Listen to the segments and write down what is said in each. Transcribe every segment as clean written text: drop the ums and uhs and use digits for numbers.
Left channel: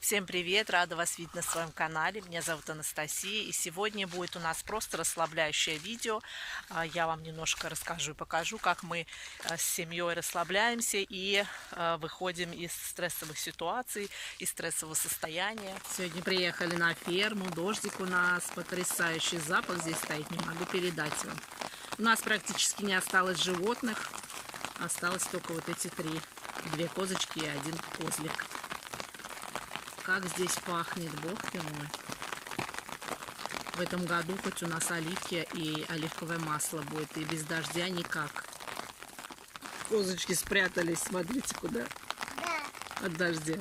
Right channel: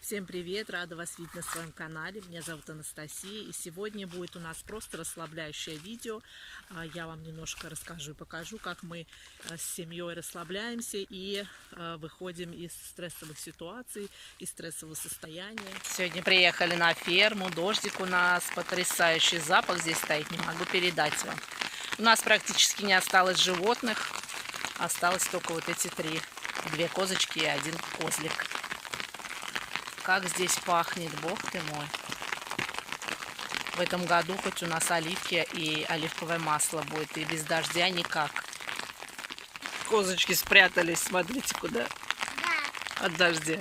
Всем привет! Рада вас видеть на своем канале. Меня зовут Анастасия. И сегодня будет у нас просто расслабляющее видео. Я вам немножко расскажу и покажу, как мы с семьей расслабляемся и выходим из стрессовых ситуаций, из стрессового состояния. Сегодня приехали на ферму. Дождик у нас, потрясающий запах здесь стоит. Не могу передать вам. У нас практически не осталось животных. Осталось только вот эти две козочки и один козлик. Как здесь пахнет, бог ты мой. В этом году хоть у нас оливки и оливковое масло будет, и без дождя никак. Козочки спрятались, смотрите куда. Да. От дождя.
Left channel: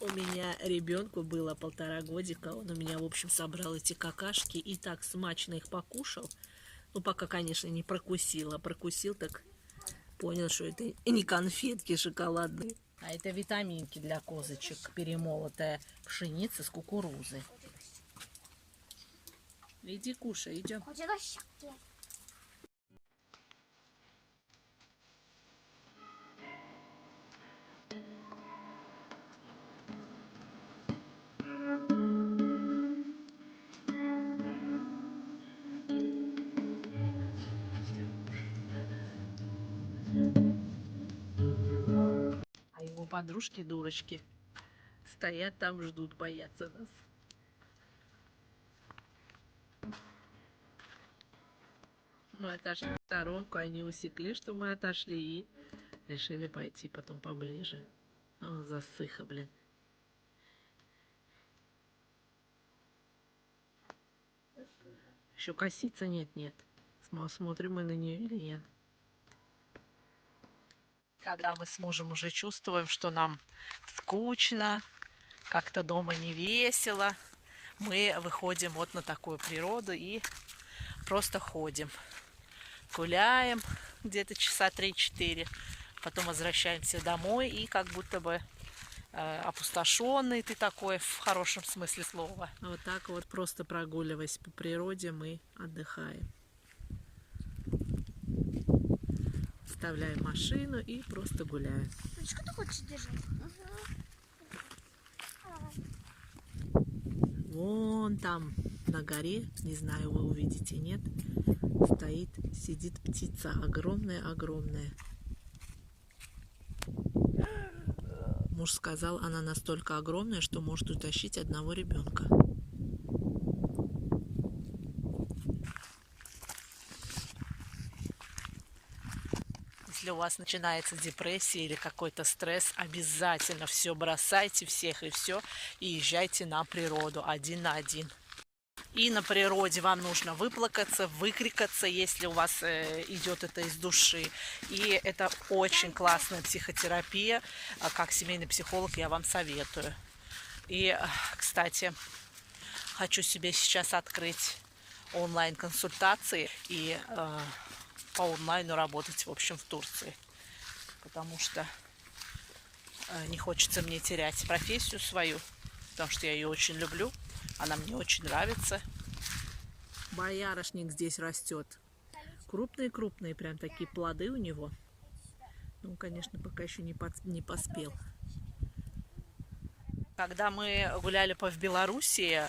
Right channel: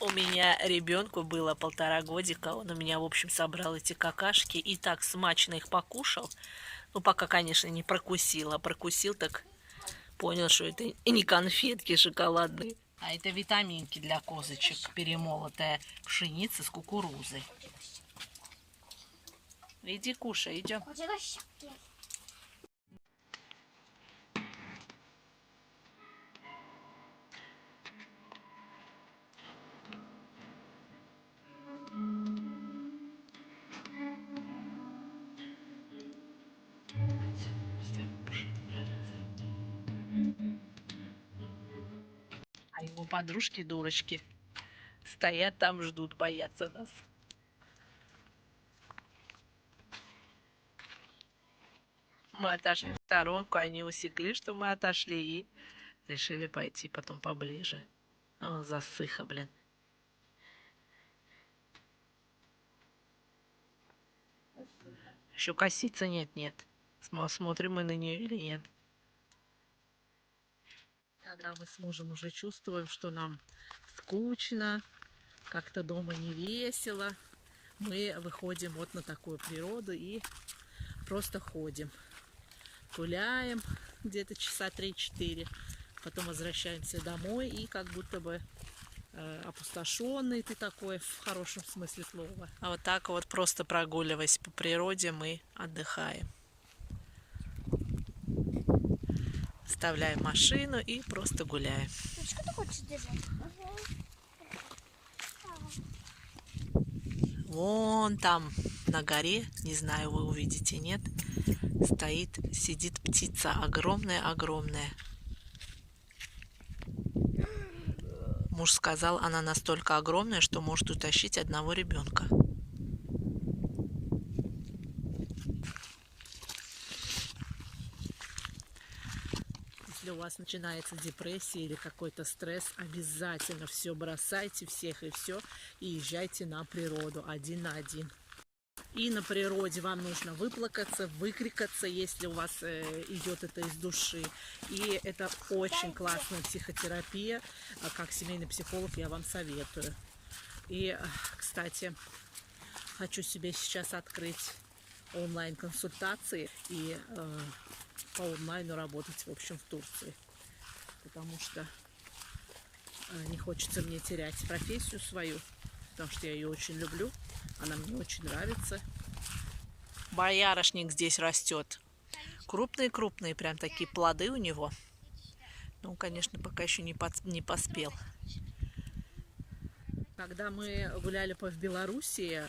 У меня ребенку было 1,5 годика. Он у меня, в общем, собрал эти какашки и так смачно их покушал. Ну, пока, конечно, не прокусил, а прокусил, так понял, что это не конфетки шоколадные. А это витаминки для козочек, перемолотая пшеница с кукурузой. Иди кушай, идем. А его подружки-дурочки стоят там, ждут, боятся нас. Мы отошли в сторонку, они усекли, что мы отошли, и решили пойти потом поближе. О, засыха, блин. Еще косица нет. Смотрим мы на нее или нет. Когда мы с мужем уже чувствуем, что нам скучно, как-то дома не весело, мы выходим вот на такую природу и просто ходим. Гуляем где-то часа 3-4, потом возвращаемся домой и как будто бы опустошенный ты такой, в хорошем смысле слова. А вот так вот, просто прогуливаясь по природе, мы отдыхаем. Вставляем машину и просто гуляем. Что ты хочешь держать? Вон там на горе, не знаю, вы увидите, нет, сидит птица огромная. Муж сказал, она настолько огромная, что может утащить одного ребенка. Если у вас начинается депрессия или какой-то стресс, обязательно все бросайте, всех и все, и езжайте на природу один на один. И на природе вам нужно выплакаться, выкрикаться, если у вас идет это из души. И это очень классная психотерапия. Как семейный психолог я вам советую. И, кстати, хочу себе сейчас открыть онлайн-консультации и по онлайну работать, в общем, в Турции. Потому что не хочется мне терять профессию свою, потому что я ее очень люблю. Она мне очень нравится. Боярышник здесь растет. Крупные, прям такие плоды у него. Ну, конечно, пока еще не поспел. Когда мы гуляли в Белоруссии,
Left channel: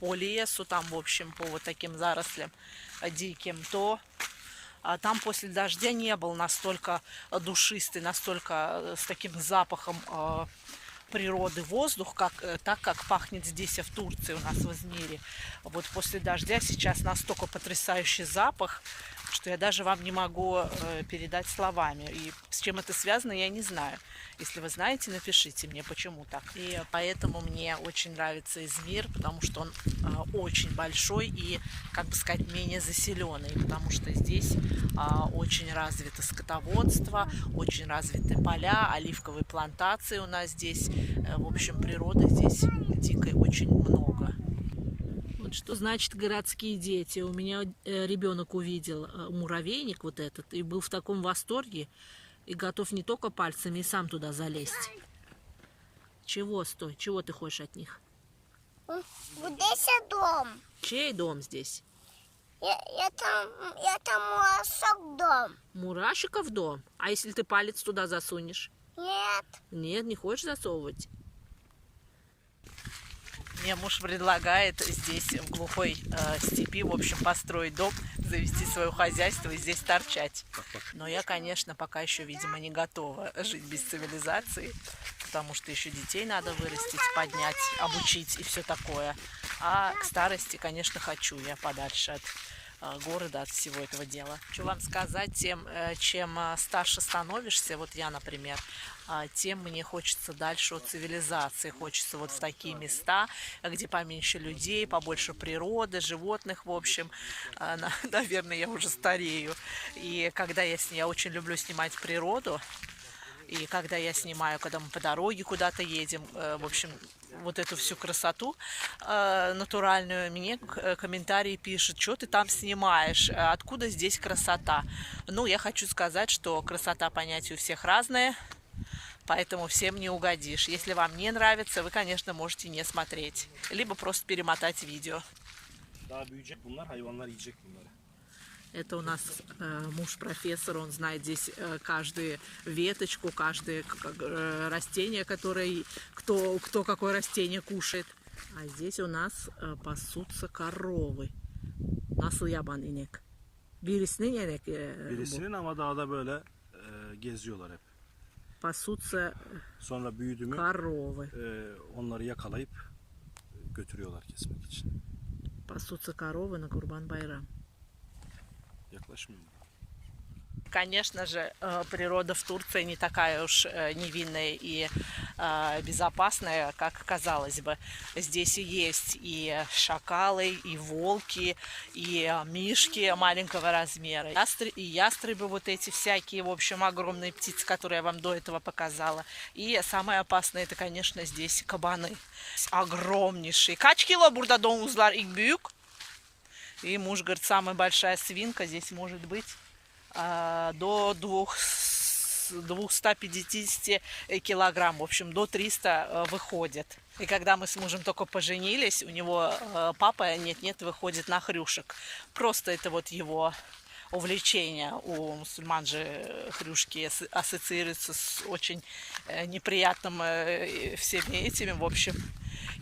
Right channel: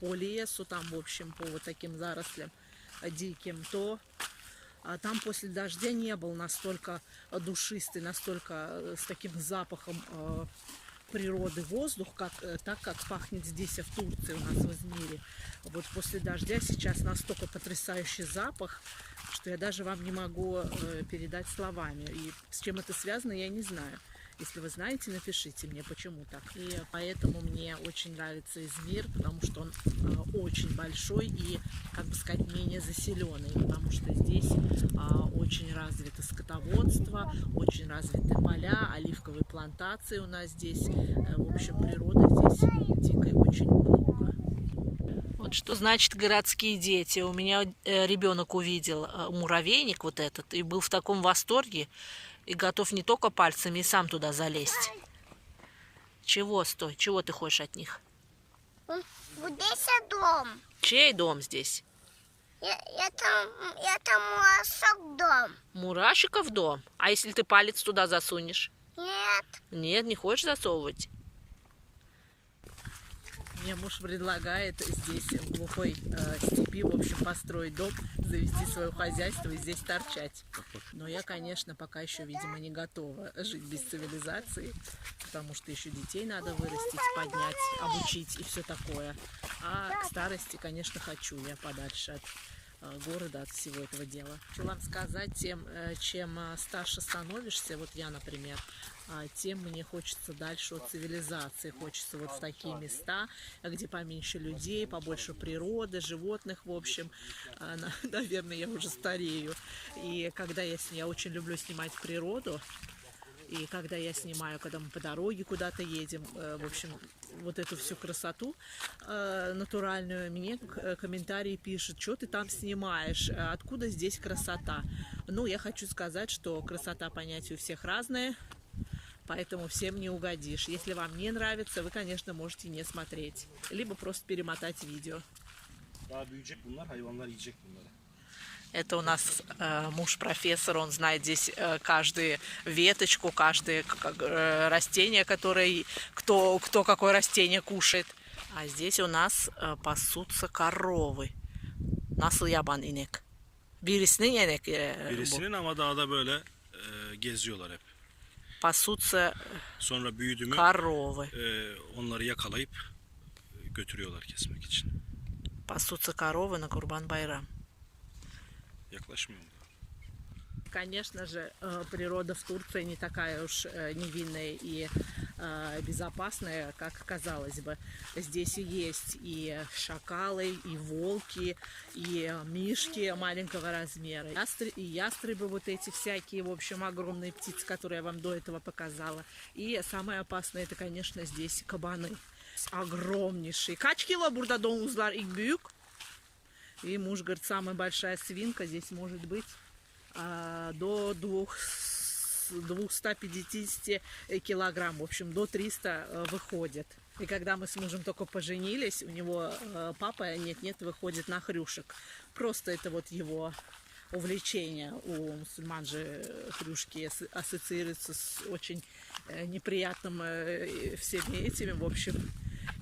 по лесу, там, в общем, по вот таким зарослям диким, то там после дождя не был настолько душистый, настолько с таким запахом природы воздух, так как пахнет здесь, в Турции, у нас в Измире. Вот после дождя сейчас настолько потрясающий запах, что я даже вам не могу передать словами. И с чем это связано, я не знаю. Если вы знаете, напишите мне, почему так. И поэтому мне очень нравится Измир, потому что он очень большой и, как бы сказать, менее заселенный, потому что здесь очень развито скотоводство, очень развиты поля, оливковые плантации у нас здесь. В общем, природы здесь дикой очень много. Вот что значит городские дети. У меня ребенок увидел муравейник вот этот и был в таком восторге и готов не только пальцами, и сам туда залезть. Чего, стой? Чего ты хочешь от них? Вот здесь дом. Чей дом здесь? Это мурашек дом. Мурашиков дом? А если ты палец туда засунешь? Нет. Нет, не хочешь засовывать? Мне муж предлагает здесь, в глухой степи, в общем, построить дом, завести свое хозяйство и здесь торчать. Но я, конечно, пока еще, видимо, не готова жить без цивилизации, потому что еще детей надо вырастить, поднять, обучить и все такое. А к старости, конечно, хочу я подальше от города, от всего этого дела. Хочу вам сказать, чем старше становишься, вот я, например, тем мне хочется дальше от цивилизации, хочется вот в такие места, где поменьше людей, побольше природы, животных, в общем. Наверное, я уже старею. И когда я очень люблю снимать природу, и когда я снимаю, когда мы по дороге куда-то едем, в общем, вот эту всю красоту натуральную, мне комментарии пишут, что ты там снимаешь, откуда здесь красота. Ну, я хочу сказать, что красота понятия у всех разная, поэтому всем не угодишь. Если вам не нравится, вы, конечно, можете не смотреть, либо просто перемотать видео. Это у нас муж профессор, он знает здесь каждую веточку, каждое растение, которое, кто какое растение kuşает. А здесь у нас пасутся коровы. Nasıl yaban inek? Birisinin inek bu. Birisinin ama dağda böyle geziyorlar hep. Пасутся Sonra büyüdü mü коровы. Onları yakalayıp götürüyorlar kesmek için. Пасутся коровы на Курбан-Байрам. Yaklaşmıyor mu? Конечно же, природа в Турции не такая уж невинная и безопасная, как казалось бы. Здесь и есть и шакалы, и волки, и мишки маленького размера, и ястребы вот эти всякие, в общем, огромные птицы, которые я вам до этого показала. И самое опасное, это, конечно, здесь кабаны. Огромнейшие. Kaç kilo burada domuzlar ilk büyük? И муж говорит, самая большая свинка здесь может быть до 250 килограмм, в общем, до 300 выходит. И когда мы с мужем только поженились, у него папа нет-нет выходит на хрюшек. Просто это вот его увлечение. У мусульман же хрюшки ассоциируются с очень неприятным всеми этими, в общем.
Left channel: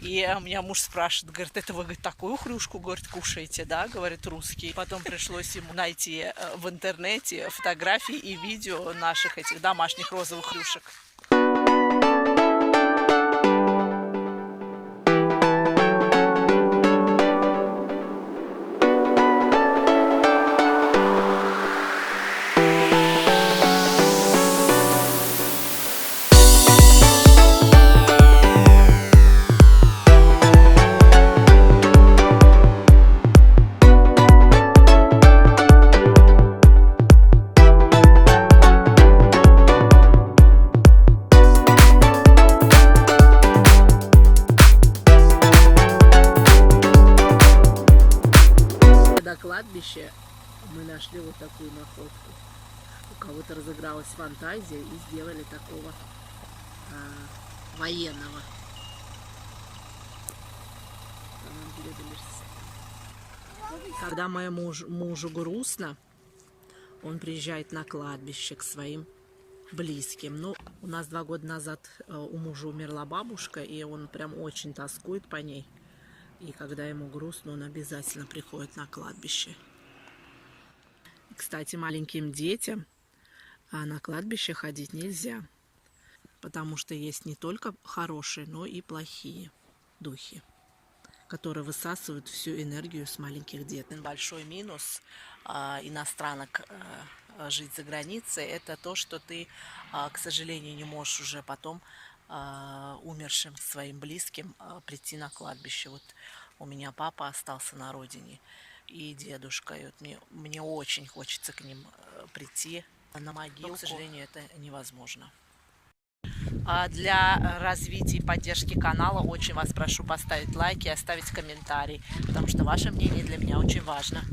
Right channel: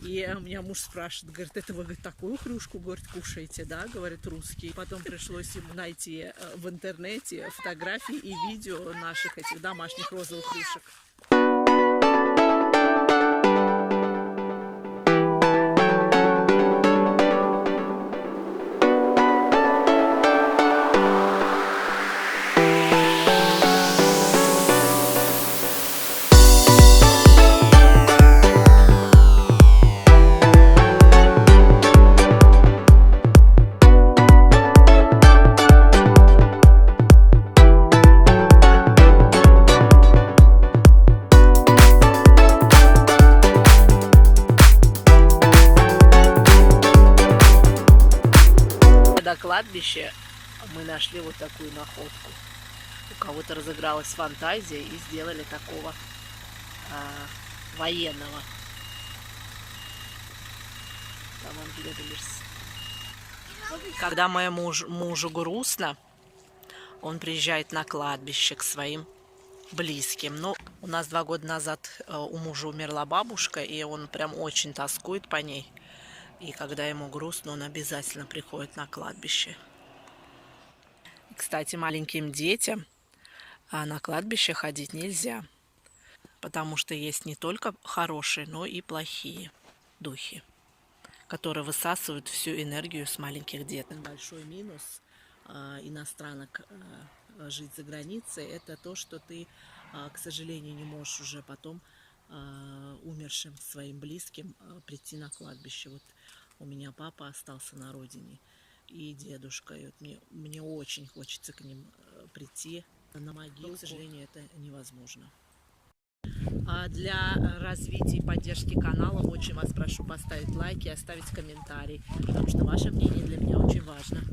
И у меня муж спрашивает, говорит, это вы, говорит, такую хрюшку, говорит, кушаете, да, говорит, русский. Потом пришлось ему найти в интернете фотографии и видео наших этих домашних розовых хрюшек. На кладбище мы нашли вот такую находку. У кого-то разыгралась фантазия и сделали такого военного. Когда моему мужу грустно, он приезжает на кладбище к своим близким. Но у нас 2 года назад у мужа умерла бабушка, и он прям очень тоскует по ней. И когда ему грустно, он обязательно приходит на кладбище. И, кстати, маленьким детям на кладбище ходить нельзя, потому что есть не только хорошие, но и плохие духи, которые высасывают всю энергию с маленьких детей. Большой минус иностранок жить за границей – это то, что ты, к сожалению, не можешь уже потом умершим своим близким прийти на кладбище. Вот у меня папа остался на родине и дедушка. И вот мне очень хочется к ним прийти на могилу. Но, к сожалению, это невозможно. Для развития и поддержки канала очень вас прошу поставить лайки и оставить комментарий, потому что ваше мнение для меня очень важно.